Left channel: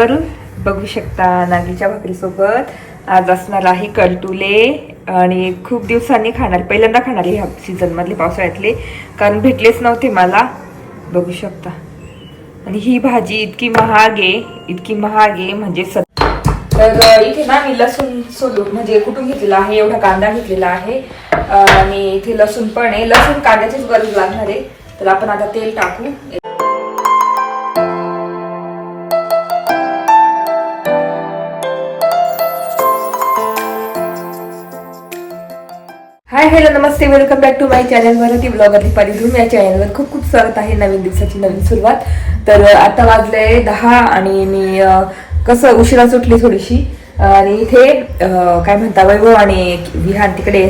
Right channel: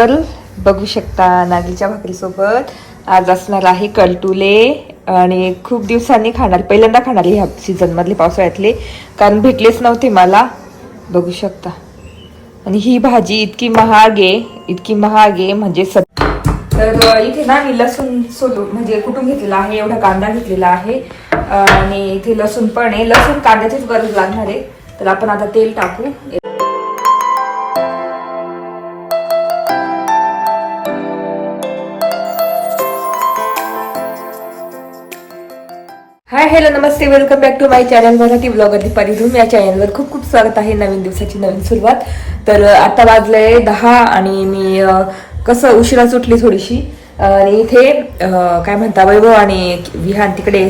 तर बघू शकता नागलीच्या भाकरीसोबत. आज असणार आहे कलटुले आणि खूप दिवसांनी खाणार पहिल्यांदा खाणार ह्या सीझनमधले पावसाळ्यातले. कारण भेटलेच नव्हते मला. बघू शकता. आणि ही भाजी इतकी महाग आहे इतकी महाग आहे म्हणजे सत तर इथे ना मी लसूण सोलून म्हणजे कुठून घेतलेला आहे एवढा कांदा घेतलेला आहे. आणि इथे लसूण पण आहे. लसूण कांद्याचीच गरज लागणार आहे. तर आपण आता तेल टाकू. Hi hello Namaste. Welcome back to my channel Marathi blog Deepali Dhoom या चॅनलवर खूप खूप स्वागत आहे नवीन दिवसाची नवीन सुरुवात. तर आता वाजले दहा आणि मी कसं उशिरा सुटली थोडीशी. आणि इथे काय म्हणता वैभव आणि विहान तिकडे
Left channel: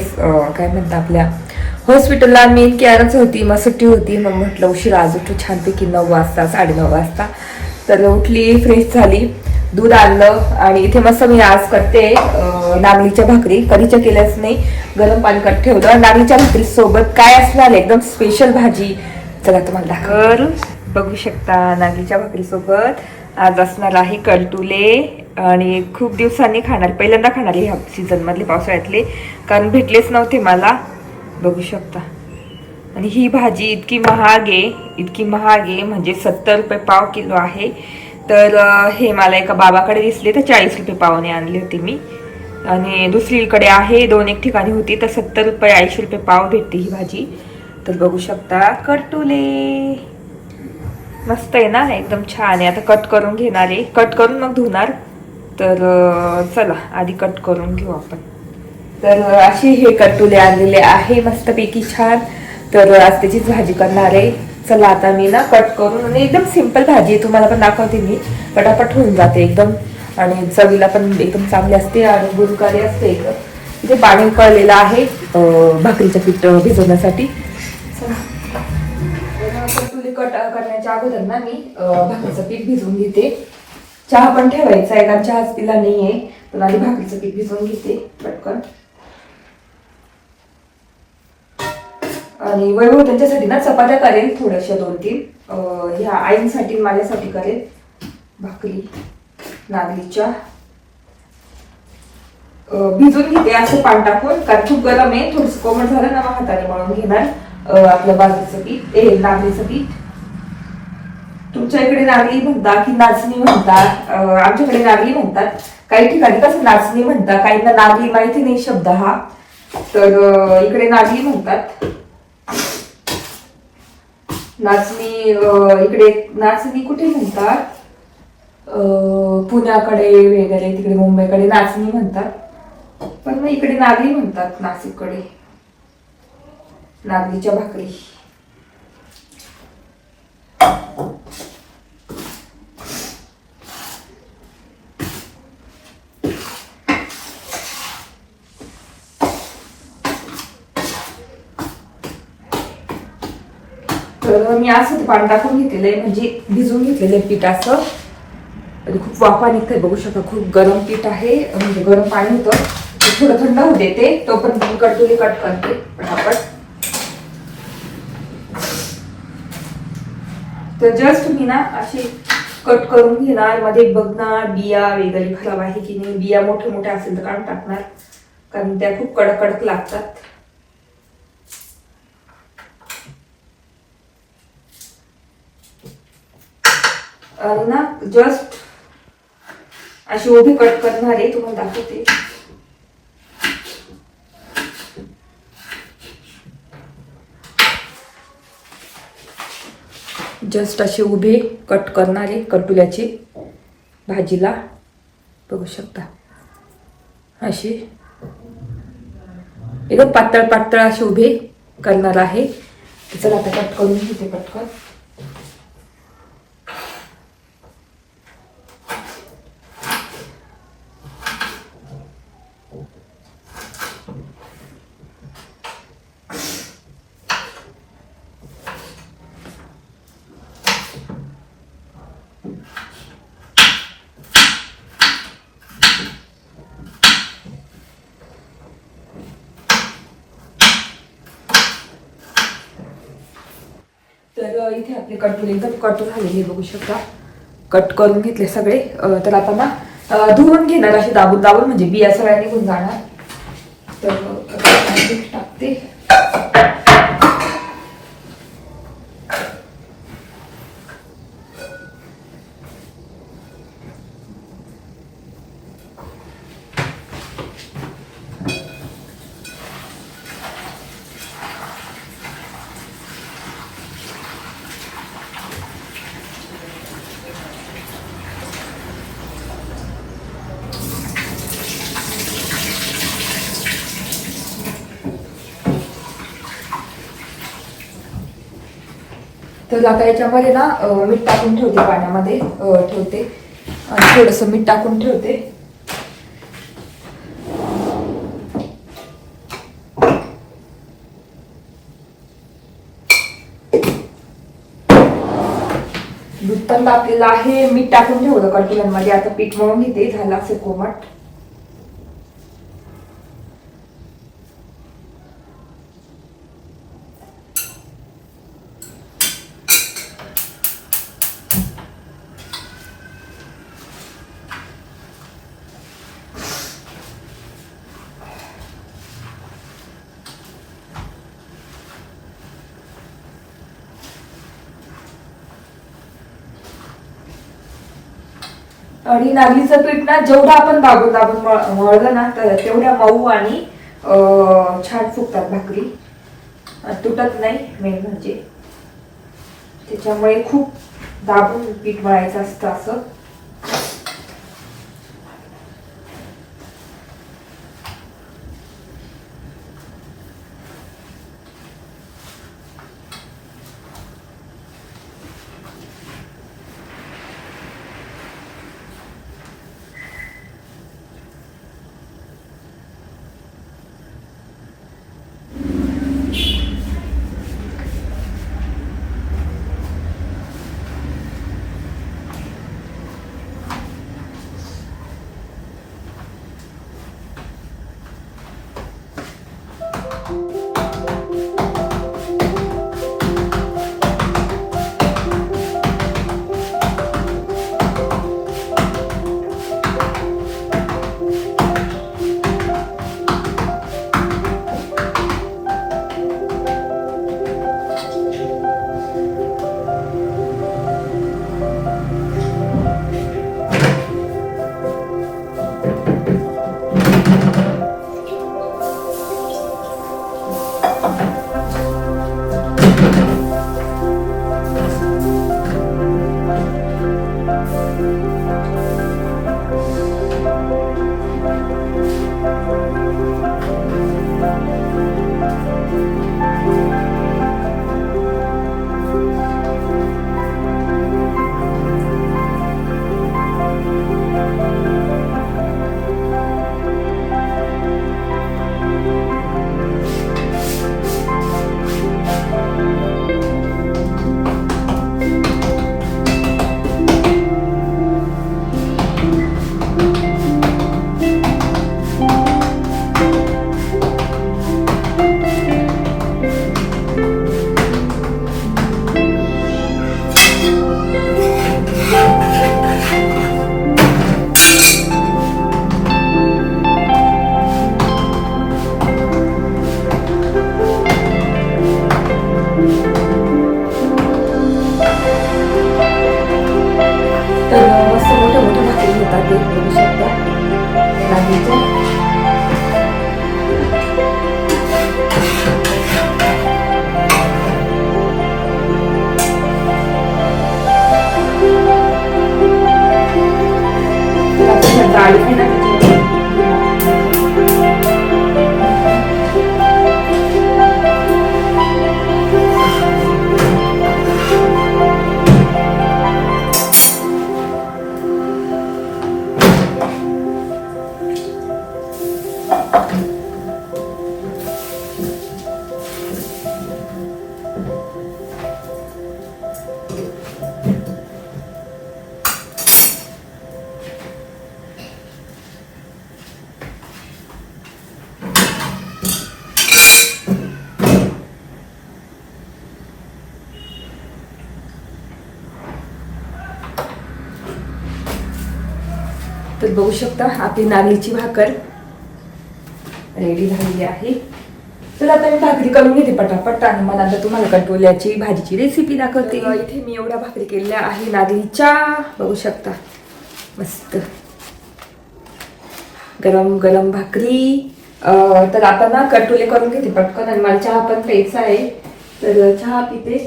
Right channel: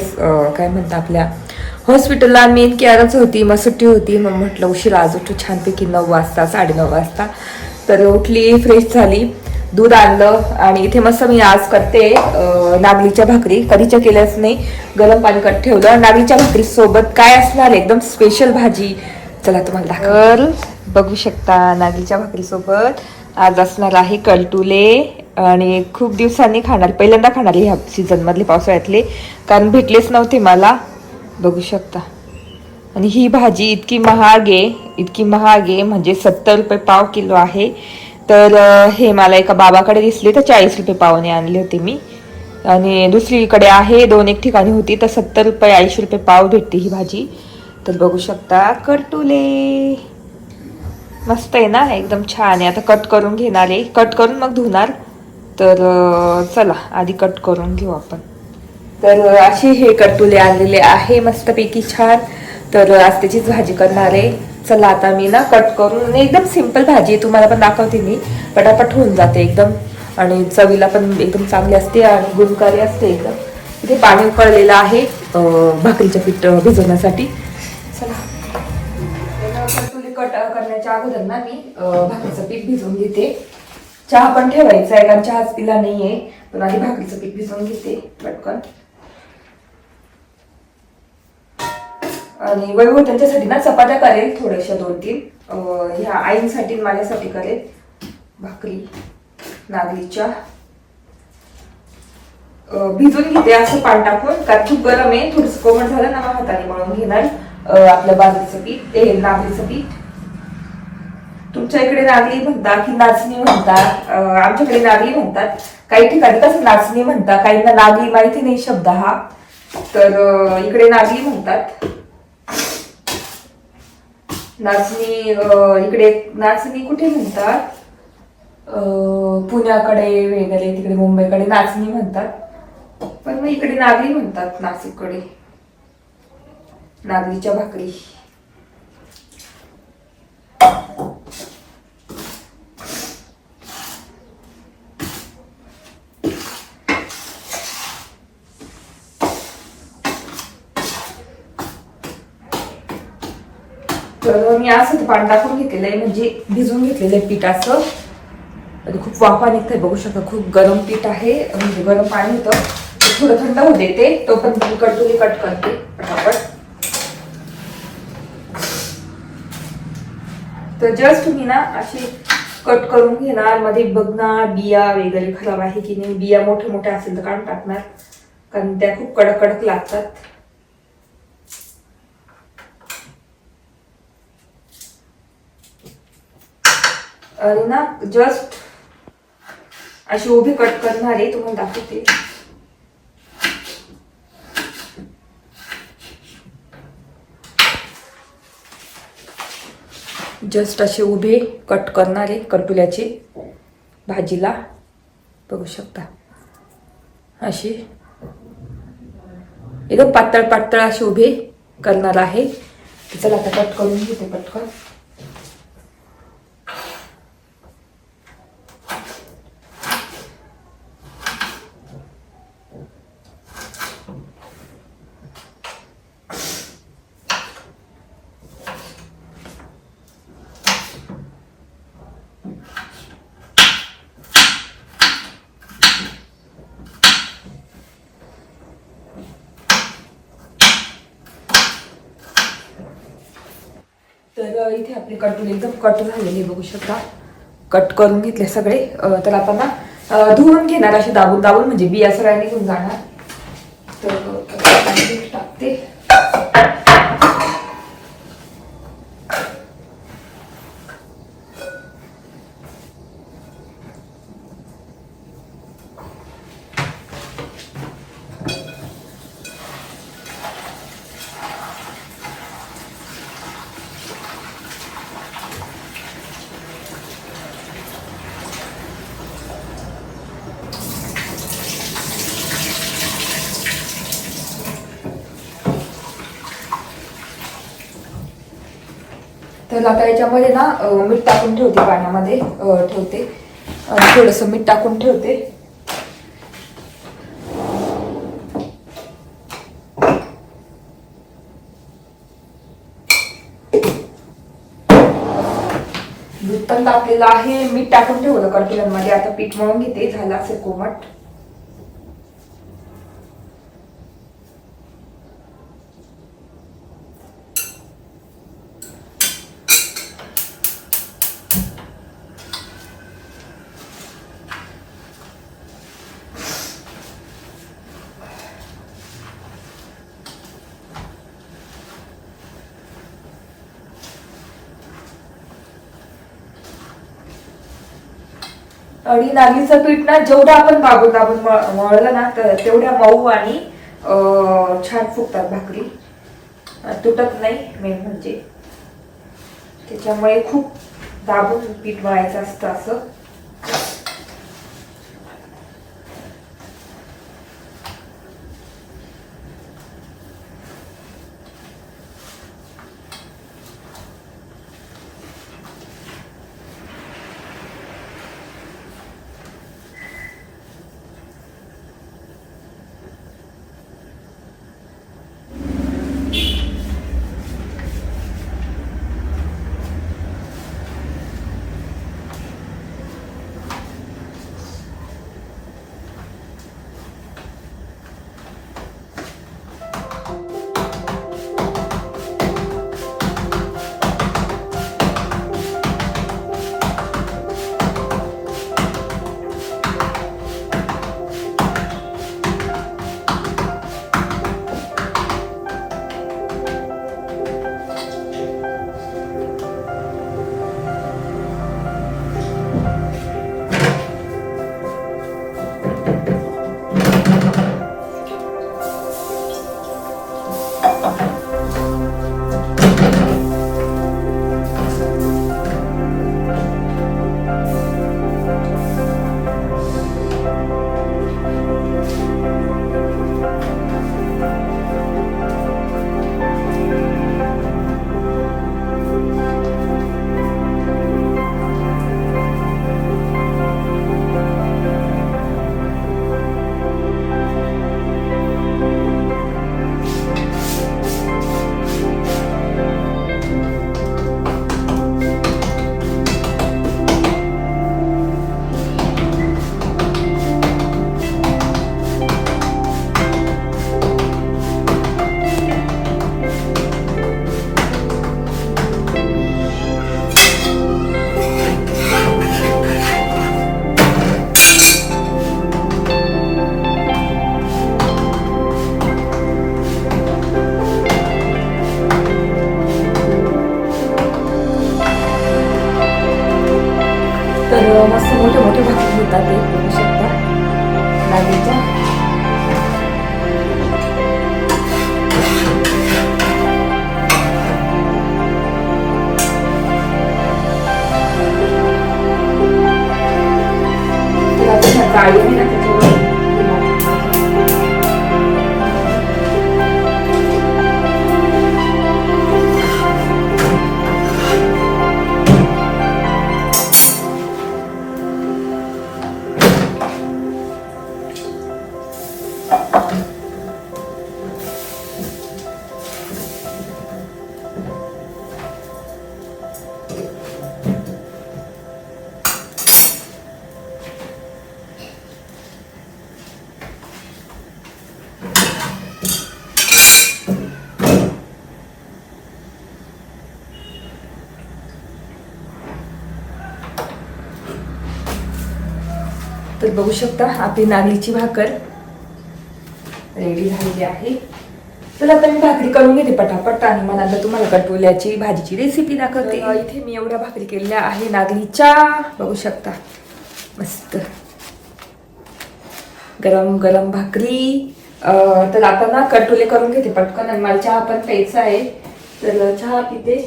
काय म्हणता आपल्या हॉस्पिटलला मी केअरच होती. मग सुट्टी होती. मग म्हटलं उशिरा आज उठू. छानपैकी नऊ वाजता साडेनऊ वाजता. तर उठली फ्रेश झाली. दूध आणलं आणि इथे मस्त मी आज करते नागलीच्या भाकरी. कधीच्या केल्याच नाही गरम पाणी करत ठेवलं. नागलीच्या भाकरी सोबत काय असणार? आहे? एकदम स्पेशल भाजी. चला तुम्हाला दाखव बघू शकता नागलीच्या भाकरी सोबत आज असणार आहे कलटुले. आणि खूप दिवसांनी खाणार पहिल्यांदा खाणार ह्या सीझन मधले पावसाळ्यातले. कारण भेटलेच नव्हते मला. बघू शकता. आणि ही भाजी इतकी महाग आहे इतकी महाग आहे म्हणजे सत्तर रुपये पाव किलो आहे. तर हे मला एका बाबाकडे दिसले तर चाळीस रुपये पावने आणले होते मी. आणि दुसरीकडे आहे दोन एक ठिकाणी होती तर सत्तर रुपये ऐंशी रुपये पाव भेटते ही भाजी. तर बघू शकता कटुले. मस्त आहे ना एकदम छान आहे. आता कट करून घेणार आहे. कट करून मग धुणार. तर चला आधी कट करून घेऊ आपण. तर असे हे कटुले आणलेले आहे मस्तपैकी छान. तर आज त्याचीच भाजी करणार आहे. चला आता मी ना कट करून आणि एकदम सिंपल भाजी आहे तुम्हाला पण दाखवते मी. पटापट होऊन जाते एकदम. आणि चवीला पण एकदम चांगली असते आणि गुणकारी असते एकदम. इथे पाणी उकळलेलं आहे भाकरीचं पीठ भिजवण्यासाठी. चला. कट करण्याच्या अगोदर ना मी भाकरीचं पीठ भिजवून घेते. चहा पण ठेवायचा आहे कारण चहाच पिला आहे पण आधी भाकरीचं पीठ भिजवून घेते पटकन. आणि वैभव त्यांच्यासाठी ना चपात्या करेल थोड्याशा दोन तीन. ह्या आईंसाठी माझ्यासाठी करेल भाकरी नागलीच्या. भिजून घेते असं पान टाकून कारण खूप गरम आहे. थोडस कोमट झालं ना मग हाताने मळून घेणार. आपल्या बाजूचं पीठ ते नागलीचं पीठ. तुमच्या इकडे नागली म्हणता की नाचणी म्हणतात. आमच्याकडे नागली म्हणतात. काही ठिकाणी कसं नाचणी म्हणतात? काहींना नागली माहिती नाही शब्द हा. तर इकडे नागली म्हणतात. नाचणी इकडे नाचणी कुठे म्हणतात? पुण्याकडे वगैरे तिकडे मुंबईकडे नाचणी म्हणतात. पण मग इकडे नागली म्हणतात नाशिककडे. नागलीच्या भाकरी. तर मी असं ते पाणी टाकून घेतलेलं आहे म्हणजे भिजवून घेतलेलं आहे पीठ असं. आणि खूप वाफा निघतंय बघू शकता खूप गरम पीठ आहे म्हणजे गरम पाणी होतं. ते थोडं थंड होऊ देते तो पण मी कटुली कट करते पटापट. तर जस्ट तुम्ही ना असे कट करून घेणार मध्ये बघणार बिया वगैरे खराब आहे की नाही बिया मोठे मोठे असेल तर काढून टाकणार. कारण त्या खूप कडक कडक लागतात. आणि ना जस्ट अशी उभी कट करणार आहे तुम्हाला दाखवते. जस्ट असे उभे कट करणारे कटुल्याची भाजीला. बघू शकता. अशी. एकदम पातळ पातळ असे उभे करणार आहे. चला आता कट करून घेते पटकन. तर इथे आपले कटून एकदम कट झालेले बघू शकता. कट करून घेतले सगळे. तर आता ना धुवून घेणार असे दाबून दाबून म्हणजे बिया सगळ्या निघून जाणार. तर आता मी टाकते तर आता याच्यामध्ये ना मीठ टाकून ठेवते पाण्यामध्ये ठेवते. थोडंसं मीठ टाकून ठेवते. दूध पण तापलेलं आहे. मीठ टाकून ठेवलं कटुल्यांमध्ये आता पीठ मळून घेते. झाला असेल कोमट. आणि नागलीचं पीठ ना जेवढं आपण दाबून दाबून मळ- मळलं ना तर तेवढ्या मऊ आणि छान फुगतात भाकरी. तुटत नाही मेन म्हणजे. त्याच्यामुळे खूप दाबून पीठ मळायचं असतं असं. तर बघू शकता आपली नागलीची भाकर रेडी झालेली आहे. चला आता मी भाकरी करून घेते पटापट आणि मला आता तुम्हाला कटोल्याची भाजीची रेसिपी दाखवते. इथे मी एवढ्या भाकरी केलेल्या आहे नागलीच्या. बघू शकता. मस्त. गरम गरम भाकरी. तर आता ना कटोले करून घेते पटकन आणि मला चहा पण प्यायचा आहे. तर चहा पिते.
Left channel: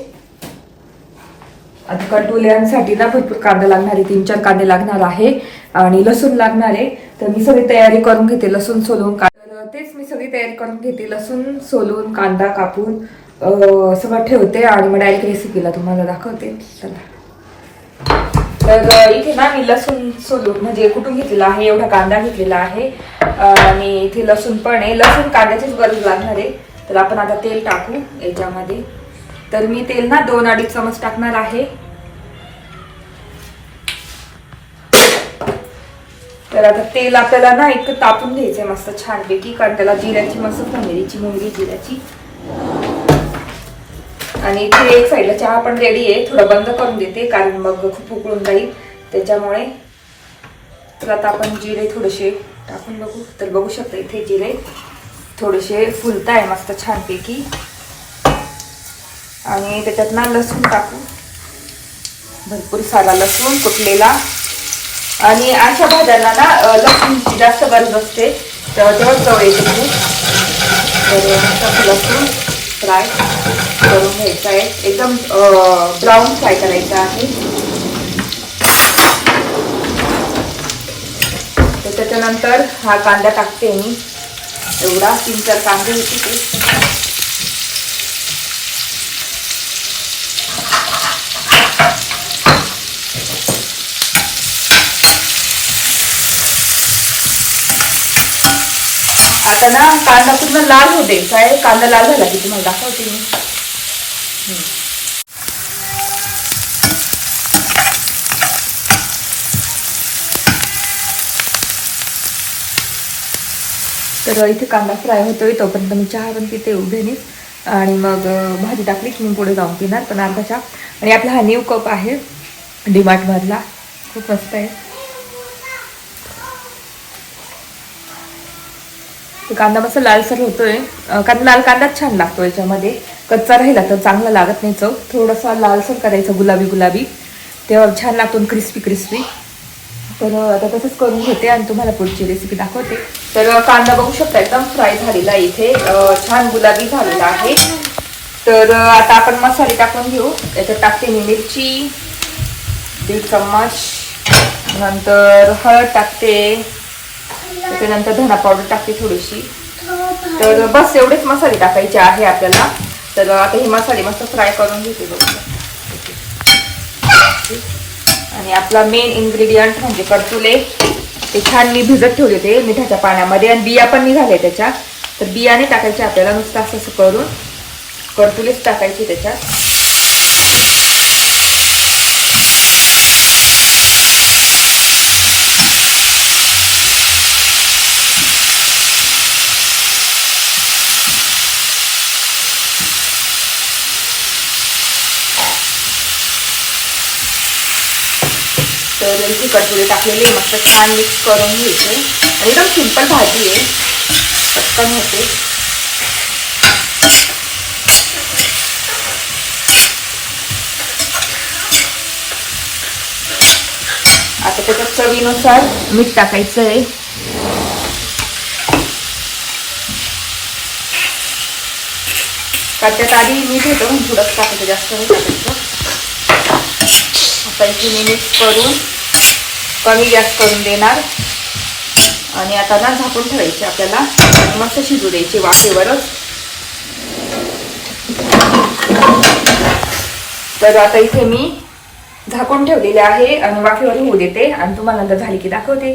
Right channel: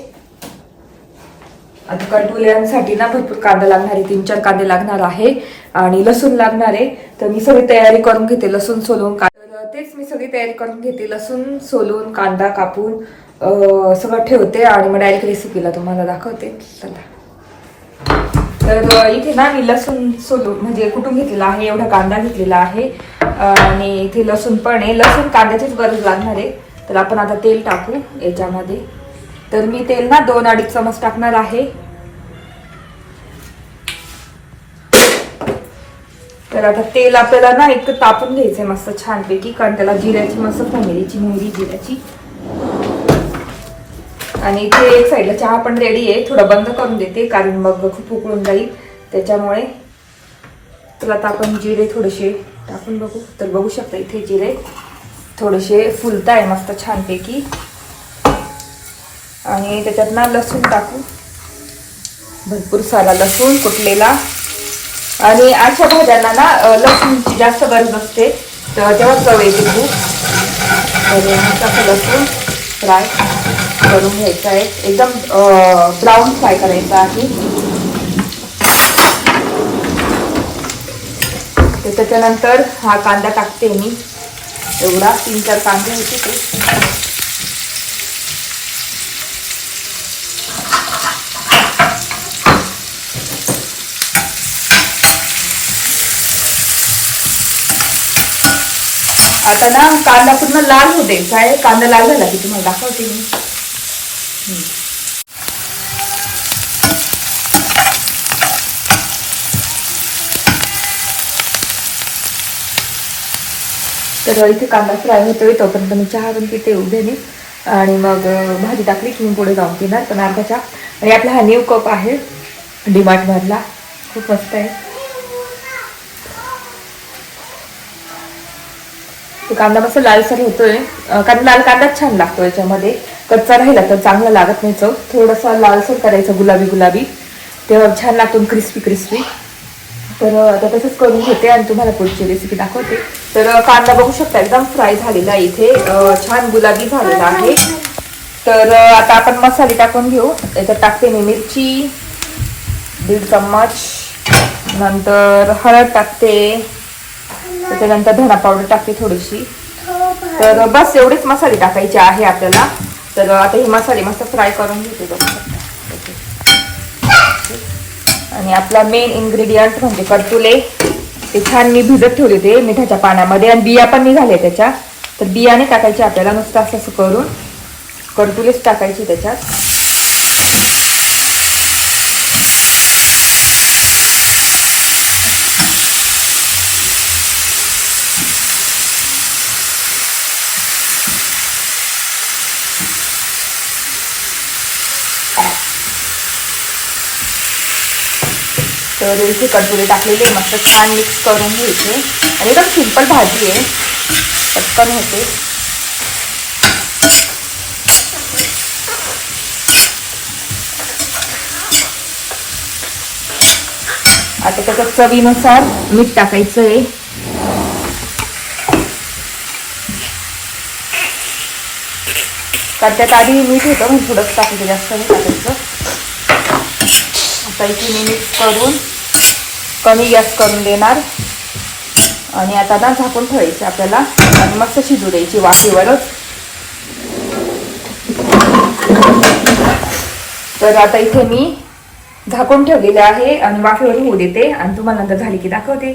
आता कटोल्यांसाठी ना भरपूर कांदा लागणार आहे तीन चार कांदे लागणार आहे. आणि लसूण लागणार आहे. तर मी सगळी तयारी करून घेते लसूण सोलून तेच मी सगळी तयारी करून घेते लसूण सोलून कांदा कापून सगळं ठेवते आणि मग डायरेक्ट रेसिपीला तुम्हाला दाखवते. चला. तर इथे ना मी लसूण सोलून म्हणजे कुठून घेतलेला आहे एवढा कांदा घेतलेला आहे. आणि इथे लसूण पण आहे. लसूण कांद्याचीच गरज लागणार आहे. तर आपण आता तेल टाकू याच्यामध्ये. तर मी तेल ना दोन अडीच चमच टाकणार आहे. तर आता तेल आपल्याला ना एक तापून घ्यायचंय मस्त छानपैकी कारण त्याला जिऱ्याची मस्त फोमेरीची मोहरी जिऱ्याची. आणि इथे एक साईडला चहा पण रेडी आहे थोडं बंद करून देते कारण मग खूप उकळून जाईल. त्याच्यामुळे तर आता आपण जिरे थोडेसे टाकून बघू. तर बघू शकता इथे जिरे थोडेसे फुलताय मस्त छानपैकी. आणि त्याच्यात ना लसूण टाकू. भरपूर सारा लसूण कुटलेला. आणि अशा भाज्यांना ना लसूणची जास्त गरज असते तर तेव्हा चव येते खूप. तर लसूण फ्राय करून घ्यायचा आहे. एकदम ब्राऊन फ्राय करायचा आहे. तर त्याच्यानंतर हा कांदा टाकते मी. एवढा तीन चार कांदे होते ते. आता ना कांदा पूर्ण लाल होते काय? कांदा लाल झाला की तुम्हाला दाखवते मी. तर इथे कांदा फ्राय होतोय तोपर्यंत मी चहा पण पिते उभ्याने आणि मग भाजी टाकली की मी पुढे जाऊन पिणार पण अर्धा चहा. आणि आपला हा न्यू कप आहे डिमार्टमधला. खूप मस्त आहे. कांदा मस्त लालसर होतोय. कारण लाल कांदाच छान लागतो याच्यामध्ये. कच्चा राहिला तर चांगला लागत नाही चव. थोडासा लालसर करायचा गुलाबी गुलाबी. तेव्हा छान लागतो क्रिस्पी क्रिस्पी. तर आता तसंच करून घेते आणि तुम्हाला पुढची रेसिपी दाखवते. तर कांदा बघू शकता एकदम फ्राय झालेला आहे इथे. छान गुलाबी झालेला आहे. तर आता आपण मसाले टाकून घेऊ. याच्यात टाकते मी मिरची दीड चम्मच. नंतर हळद टाकते. त्याच्यानंतर धना पावडर टाकते थोडीशी. तर बस एवढेच मसाले टाकायचे आहे आपल्याला. तर आता हे मसाले मस्त फ्राय करून घेते. आणि आपला मेन इन्ग्रेडियंट म्हणजे कडतुले ते छान मी भिजत ठेवले होते मिठाच्या पाण्यामध्ये आणि बिया पण निघाल्या त्याच्या. तर बियाने टाकायचे आपल्याला नुसतं असं असं करून. कडतुलेच टाकायचे त्याच्यात. तर इथे कडपुरे टाकलेले मस्त छान मिक्स करून घ्यायचे आणि एकदम सिंपल भाजी आहे. पटकन होते. आता त्याच्यात चवीनुसार मीठ टाकायचं आहे. कारण त्यात आधी मीठ होतं थोडंच टाकायचं जास्त मी टाकायचं. आता इथे मी मिक्स करून कमी जास्त करून देणार. आणि आता ना झाकून ठेवायचे आपल्याला. आणि मस्त शिजू द्यायची वाफेवरच. तर आता इथे मी झाकून ठेवलेले आहे आणि वाफेवर होऊ देते आणि तुम्हाला नंतर झाली की दाखवते.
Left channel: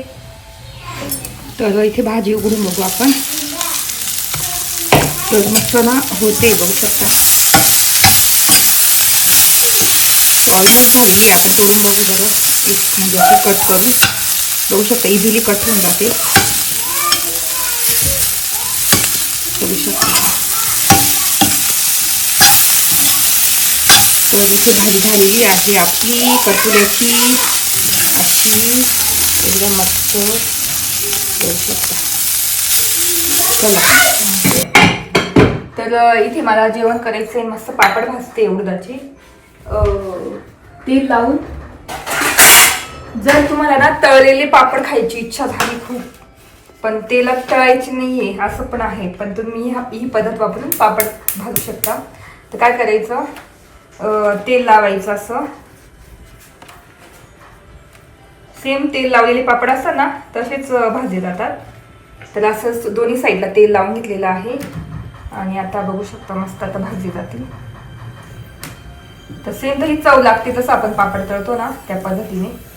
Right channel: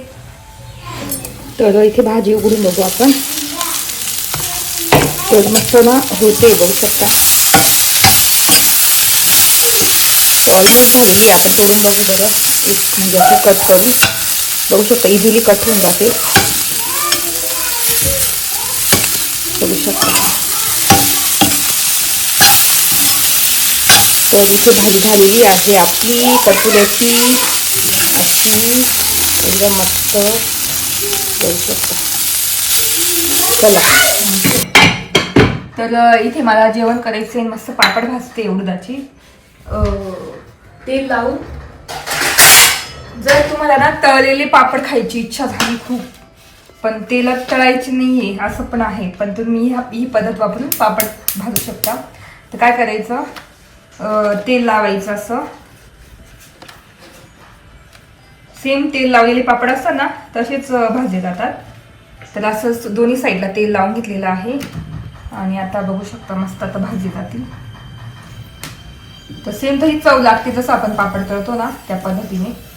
तर इथे भाजी उघडून बघू आपण. तर मस्त ना होते बघू शकता. ऑलमोस्ट झालेली आहे. आपण तोडून बघू बरं. एक म्हणजे अशी कट करून बघू शकता इझिली कट होऊन जाते. बघू शकता. तर इथे भाजी झालेली आहे आपली कटुल्याची अशी एकदम मस्त. बघू शकता. चला. तर इथे मला जेवण करायचं आहे मस्त पापड भाजते उडदाची. तेल लावून जर तुम्हाला ना तळलेले पापड खायची इच्छा झाली खूप पण तेलात तळायची नाहीये असं पण आहे. पण तुम्ही ह्या- ही पद्धत वापरून पापड भाजू शकता. तर काय करायचं? तेल लावायचं असं. सेम तेल लावलेले पापड असतात ना तसेच भाजले जातात. तर असं दोन्ही साईडला तेल लावून घेतलेलं आहे. आणि आता बघू शकता मस्त आता भाजी जातील. तर सेम तरी चव लागते जसं आपण पापड तळतो ना त्या पद्धतीने.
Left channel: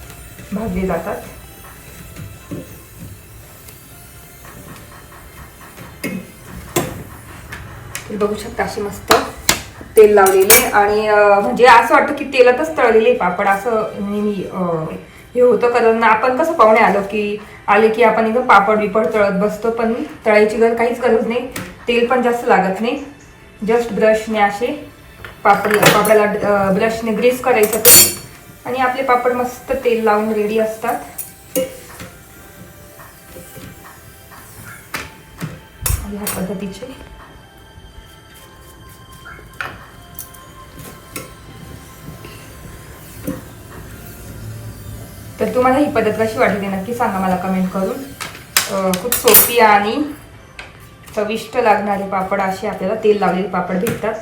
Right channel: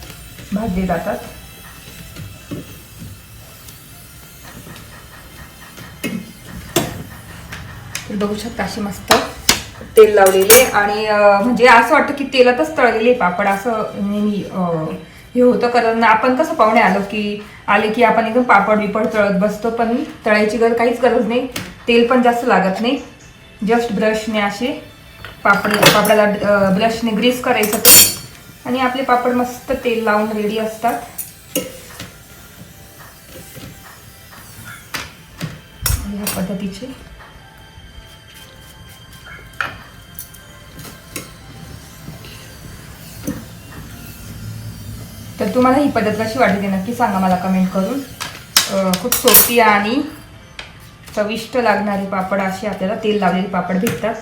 भाजले जातात. बघू शकता अशी मस्त तेल लावलेले आणि म्हणजे असं वाटतं की तेलातच तळलेले पापड असं नेहमी हे होतं. कारण आपण कसं पाहुणे आलो की आले की आपण एकदम पापड बिपड तळत बसतो पण तळायची गरज काहीच गरज नाही. तेल पण जास्त लागत नाही. जस्ट ब्रशने असे पापड पापडाला ब्रशने ग्रीस करायचं ते. आणि आपले पापड मस्त तेल लावून रेडी असतात. ह्या पद्धतीचे. तर तुम्हाला ही पद्धत कशी वाटली नक्की सांगा मला कमेंट करून. खूप सोपी आणि चविष्ट लागणारे पापड असे आपल्याला तेल लावलेले पापड भेटतात.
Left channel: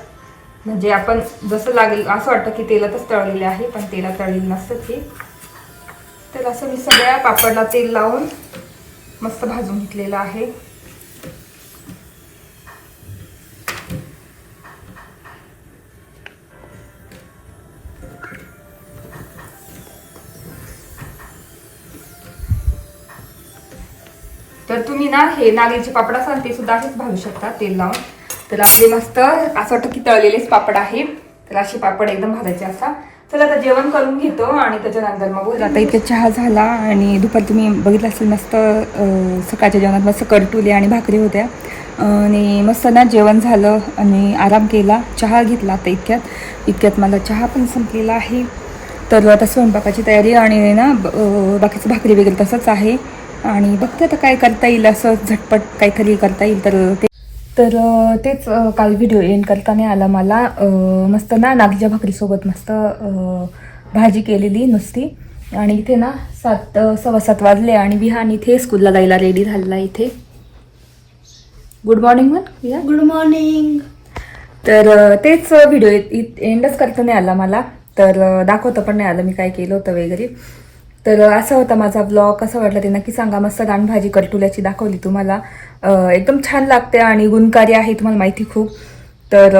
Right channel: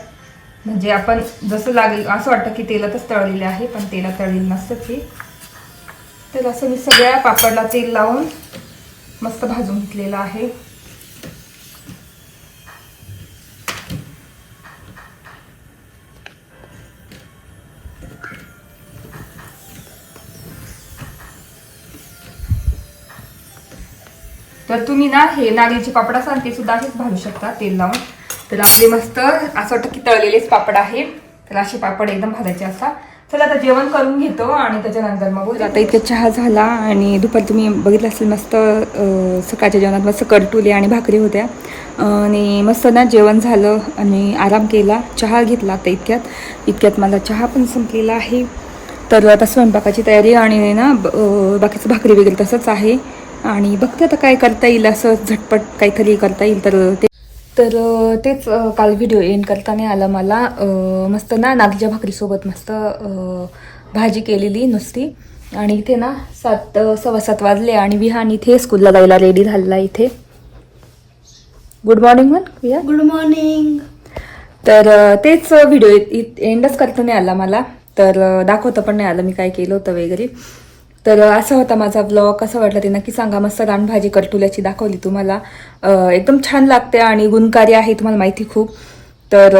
म्हणजे आपण जसं लागेल असं वाटतं की तेलातच तळलेले आहे पण तेलात तळलेलं नसतं ते तर असं मी सगळ्या पापडला तेल लावून मस्त भाजून घेतलेलं आहे. तर तुम्ही ना हे नागलीचे पापड असाल ते सुद्धा असेच भाजू शकता तेल लावून. तर आपले मस्त असं वाटतं की तळलेलेच पापड आहे. तर असे पापड एकदम भाजायचे असा. चला आता जेवण करून घेतो आणि त्याच्यानंतर मग आता इथे चहा झाला आणि दुपारी तुम्ही बघितलं असेल मस्त सकाळच्या जेवणात मस्त करटुले आणि भाकरी होत्या. आणि मस्त ना जेवण झालं आणि आराम केला. चहा घेतला आता इतक्यात. इतक्यात मला चहा पण संपलेला आहे. तर आता स्वयंपाकाची तयारी आणि ना बाकीचं भाकरी वगैरे तसंच आहे. आणि बघते आता काय करता येईल असं झटपट काहीतरी करता येईल तर ते तर तेच काल व्हिडिओ एंड करता नाही आला मला. मस्त ना नागलीच्या भाकरीसोबत मस्त भाजी केलेली नुसती. आणि इथे ना सात सव्वा सात वाजले आणि विहान इथे स्कूलला जायला रेडी झालेला आहे इथे. Good morning ma'am Vihaan? Good morning तर तेच व्हिडिओ एंडच करता नाही आला मला. तर दाखवता पण नाही आलं मी काय केलं होतं वगैरे. तर असा होता माझा ब्लॉग कसा वाटला ते नक्की सांगा. मस्त गाणभाजी करटुल्याची दाखवली तुम्हाला. एकदम छान लागते आणि गुणकारी आहे तुम्हाला माहिती खूप. तर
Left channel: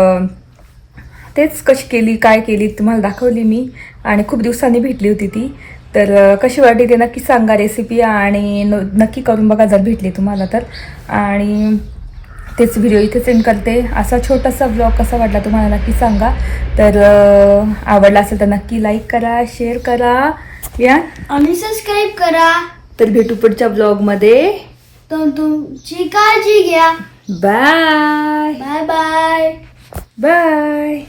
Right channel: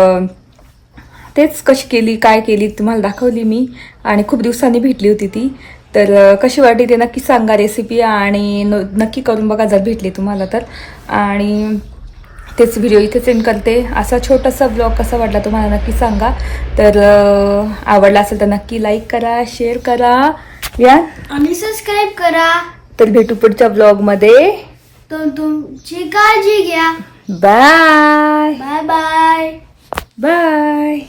तेच कशी केली काय केली तुम्हाला दाखवली मी. आणि खूप दिवसांनी भेटली होती ती. तर कशी वाटली ते नक्की सांगा रेसिपी आणि न- नक्की करून बघा जर भेटली तुम्हाला तर. आणि तेच व्हिडिओ इथेच सेंड करते. असा छोटासा ब्लॉग कसा वाटला तुम्हाला नक्की सांगा. तर आवडला असेल तर नक्की लाईक करा शेअर करा. या? आणि सबस्क्राईब करा. तर भेटू पुढच्या ब्लॉगमध्ये तर तुमची काळजी घ्या. Bye bye bye bye